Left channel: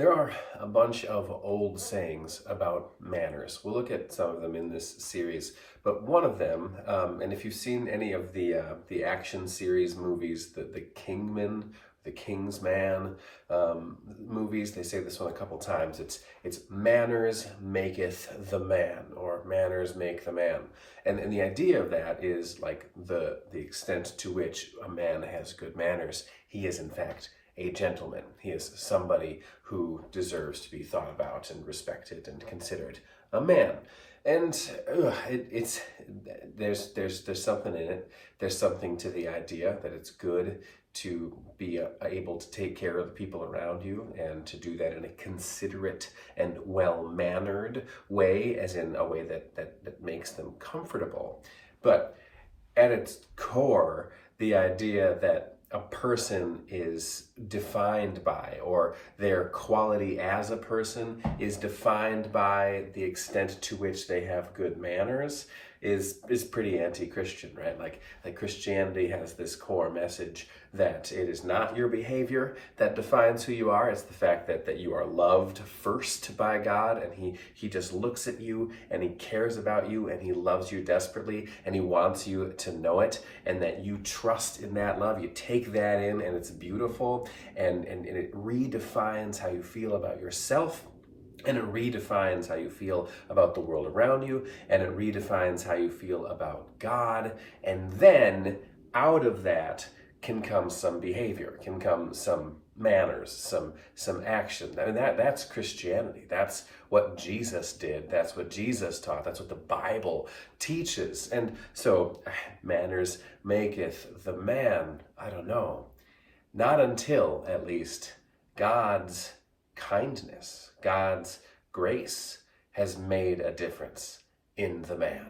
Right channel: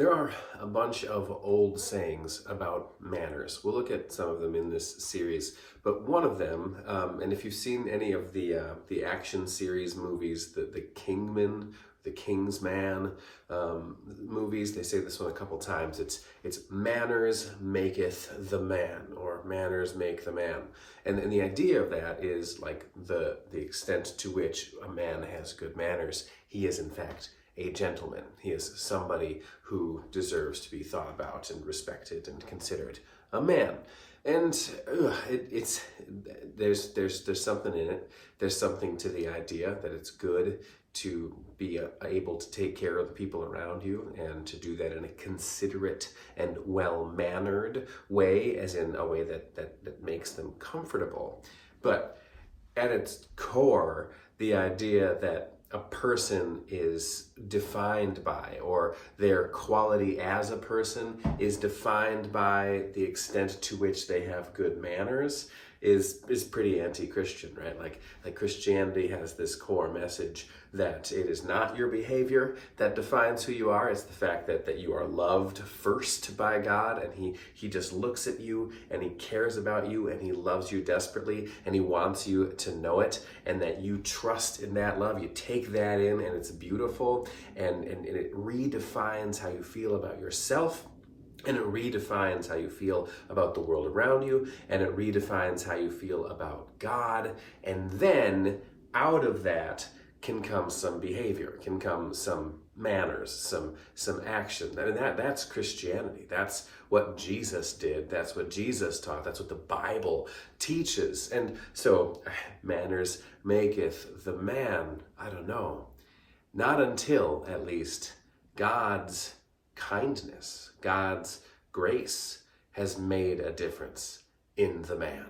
There are a bunch of old sayings about manners. We'll look at some of them in this series, but one of them, and if you've seen any of the action series movies, the Kingman, the King's Man movies, they say this one a couple times. It's manners maketh the man, or manners make the man. And the idea of that is like the extent to which a man has good manners. He is in fact a gentleman. He is somebody who deserves to be thought about and respected and considered a man. And there's something in it. There's something to the idea that it's good to be able to take care of the people around you and to do that in a considerate and well-mannered way, as in a way that makes them comfortable. But at its core, the idea that a person is defined by, or their quality as a person is defined by the extent to which they have good manners is pretty anti-Christian, right? Like Christianity has this core message that it is not your behavior that defines who you are. It's the fact that you are loved first by God, and he just looks at you and he cares about you and he loves you desperately and he wants you to know it, and that you trust in that love. You take that in and it's beautiful, and it redefines how you feel about yourself. And it redefines how you feel about the world around you, and it redefines how you feel about God. And then out of that can come some behavior, can come some manners, some action. I mean, that's Christianity. That's what Jesus did. That's what Jesus taught. That's what the Bible teaches. And so manners maketh the man. I don't know. Not until, at least, God's kindness, God's grace has made a difference in the man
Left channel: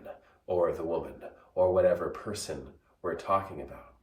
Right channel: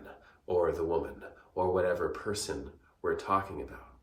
or the woman or whatever person we're talking about.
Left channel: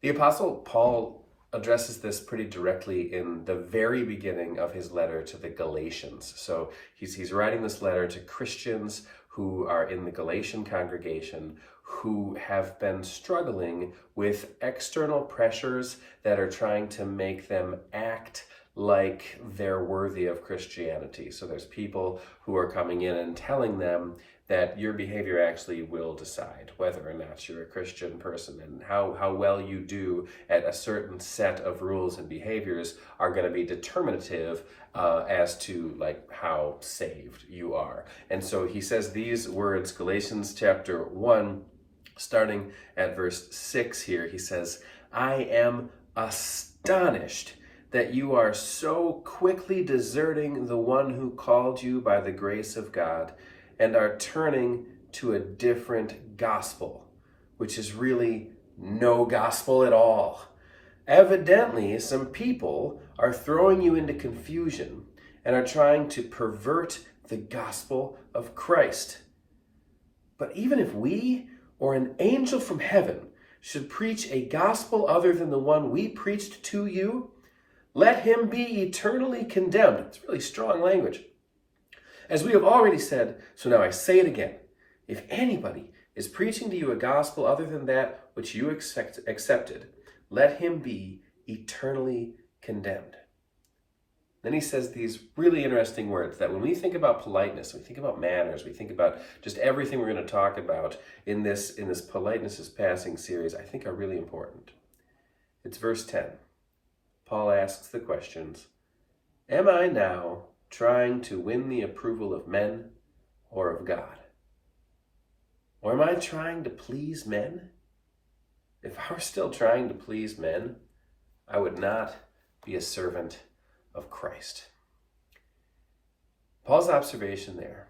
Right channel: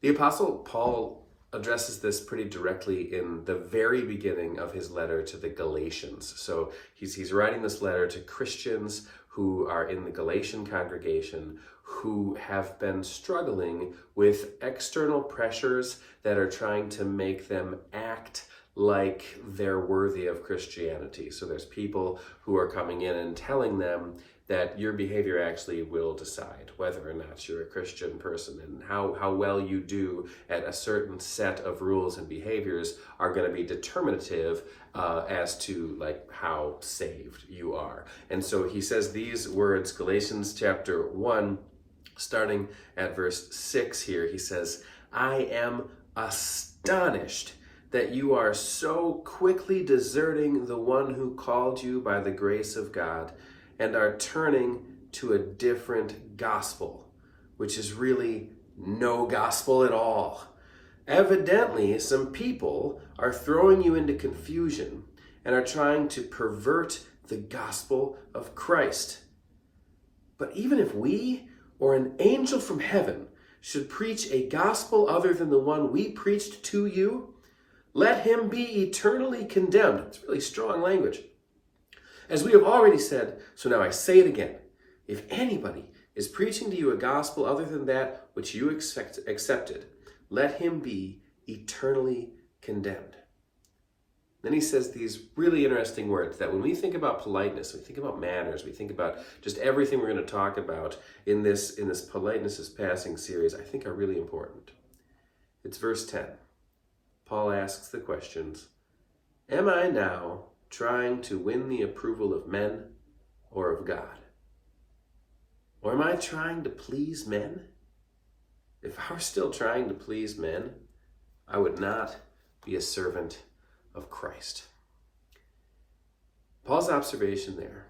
The Apostle Paul addresses this pretty directly in the very beginning of his letter to the Galatians. So he's writing this letter to Christians who are in the Galatian congregation, who have been struggling with external pressures that are trying to make them act like they're worthy of Christianity. So there's people who are coming in and telling them that your behavior actually will decide whether or not you're a Christian person, and how well you do at a certain set of rules and behaviors are going to be determinative as to like how saved you are. And so he says these words, Galatians chapter 1, starting at verse 6 here, he says, "I am astonished that you are so quickly deserting the one who called you by the grace of God and are turning to a different gospel, which is really no gospel at all. Evidently, some people are throwing you into confusion and are trying to pervert the gospel of Christ. But even if we or an angel from heaven should preach a gospel other than the one we preached to you, let him be eternally condemned." It's really strong language. "As we have already said, so now I say it again. If anybody is preaching to you a gospel other than that which you accepted, let him be eternally condemned." Then he says these really interesting words that when we think about politeness, we think about manners, we think about just everything we're going to talk about in this Politeness is Passing series, I think are really important. It's verse 10. Paul asks the questions, "Am I now trying to win the approval of men or of God? Or am I trying to please men? If I were still trying to please men, I would not be a servant of Christ." Paul's observation there,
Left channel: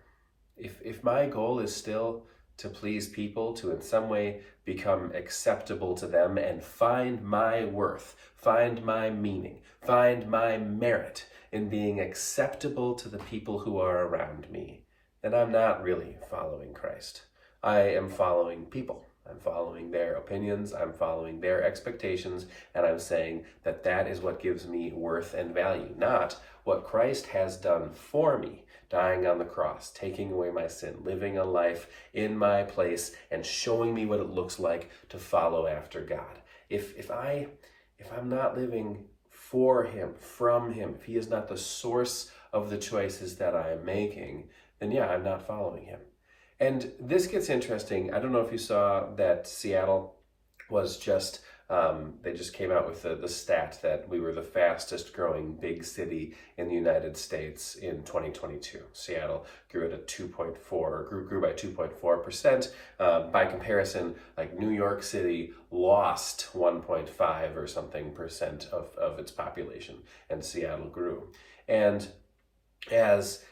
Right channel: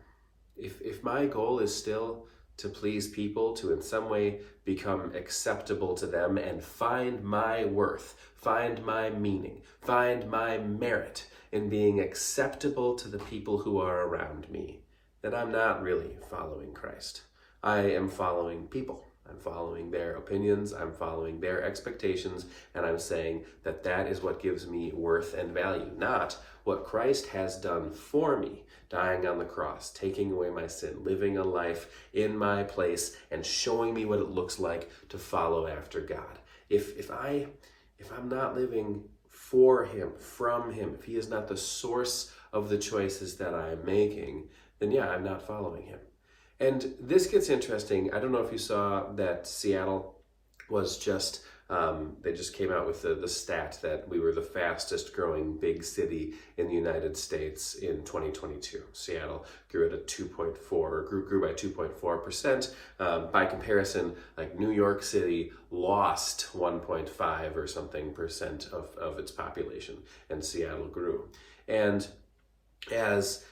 if my goal is still to please people, to in some way become acceptable to them and find my worth, find my meaning, find my merit in being acceptable to the people who are around me, then I'm not really following Christ. I am following people. I'm following their opinions, I'm following their expectations, and I'm saying that that is what gives me worth and value, not what Christ has done for me, dying on the cross, taking away my sin, living a life in my place, and showing me what it looks like to follow after God. If I'm not living for him, from him, if he is not the source of the choices that I am making, then yeah, I'm not following him. And this gets interesting. I don't know if you saw that Seattle was just, they just came out with the stat that we were the fastest growing big city in the United States in 2022. Seattle grew at a 2.4, grew by 2.4%. By comparison, like New York City lost 1.5 or something percent of its population, and Seattle grew. And as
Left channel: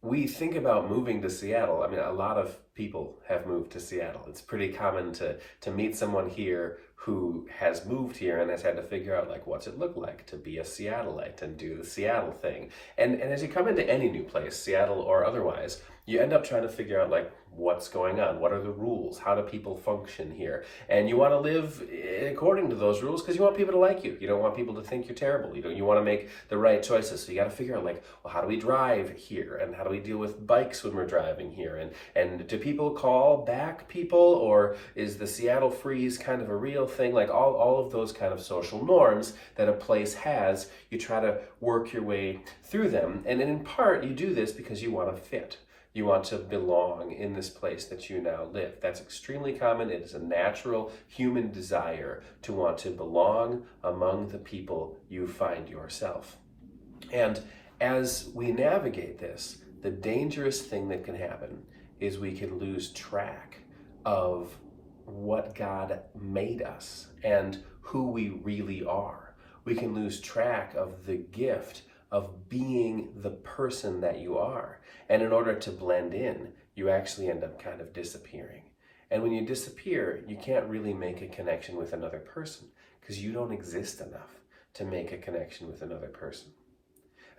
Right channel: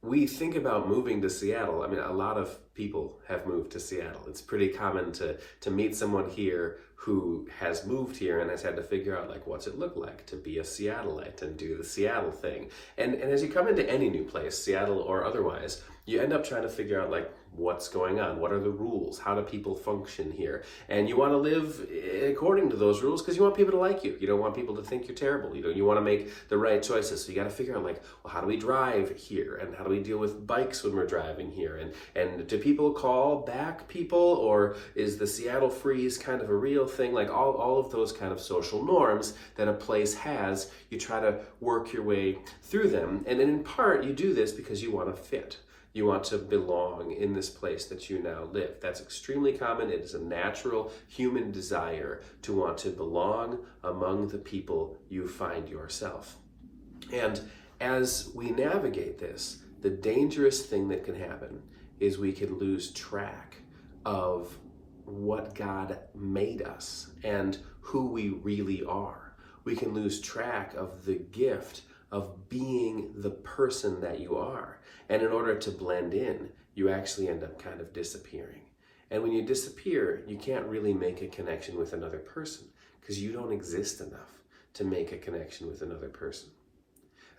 we think about moving to Seattle, I mean, a lot of people have moved to Seattle. It's pretty common to meet someone here who has moved here and has had to figure out, like, what's it look like to be a Seattleite and do the Seattle thing. And as you come into any new place, Seattle or otherwise, you end up trying to figure out, like, what's going on? What are the rules? How do people function here? And you want to live according to those rules because you want people to like you. You don't want people to think you're terrible. You want to make the right choices. So you got to figure out, like, well, how do we drive here? And how do we deal with bikes when we're driving here? And do people call back people, or is the Seattle freeze kind of a real thing? Like all of those kind of social norms that a place has, you try to work your way through them. And in part, you do this because you want to fit. You want to belong in this place that you now live. That's extremely common. It is a natural human desire to want to belong among the people you find yourself. And as we navigate this, the dangerous thing that can happen is we can lose track of what God made us and who we really are. We can lose track of the gift of being the person that you are. And in order to blend in, you actually end up kind of disappearing. And when you disappear, you can't really make a connection with another person because you don't exist enough to make a connection with another person.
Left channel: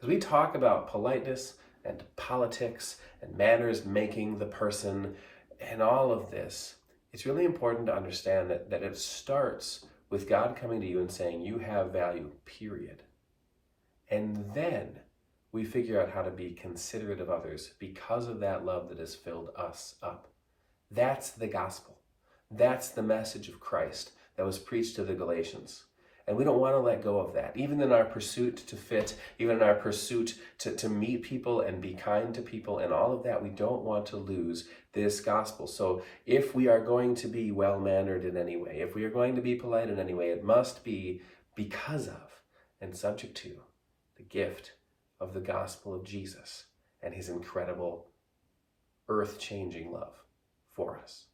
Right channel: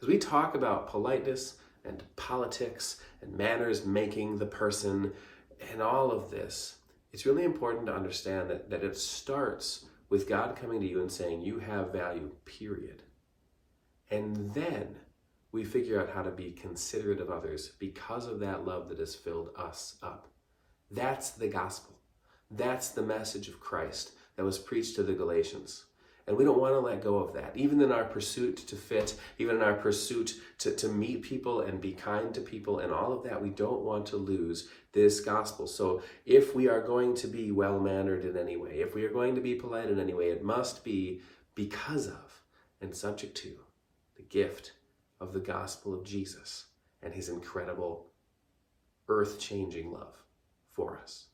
As we talk about politeness and politics and manners making the person and all of this, it's really important to understand that it starts with God coming to you and saying, you have value, period. And then we figure out how to be considerate of others because of that love that has filled us up. That's the gospel. That's the message of Christ that was preached to the Galatians. And we don't want to let go of that. Even in our pursuit to fit, even in our pursuit to meet people and be kind to people and all of that, we don't want to lose this gospel. So if we are going to be well-mannered in any way, if we are going to be polite in any way, it must be because of and subject to the gift of the gospel of Jesus and his incredible earth-changing love for us.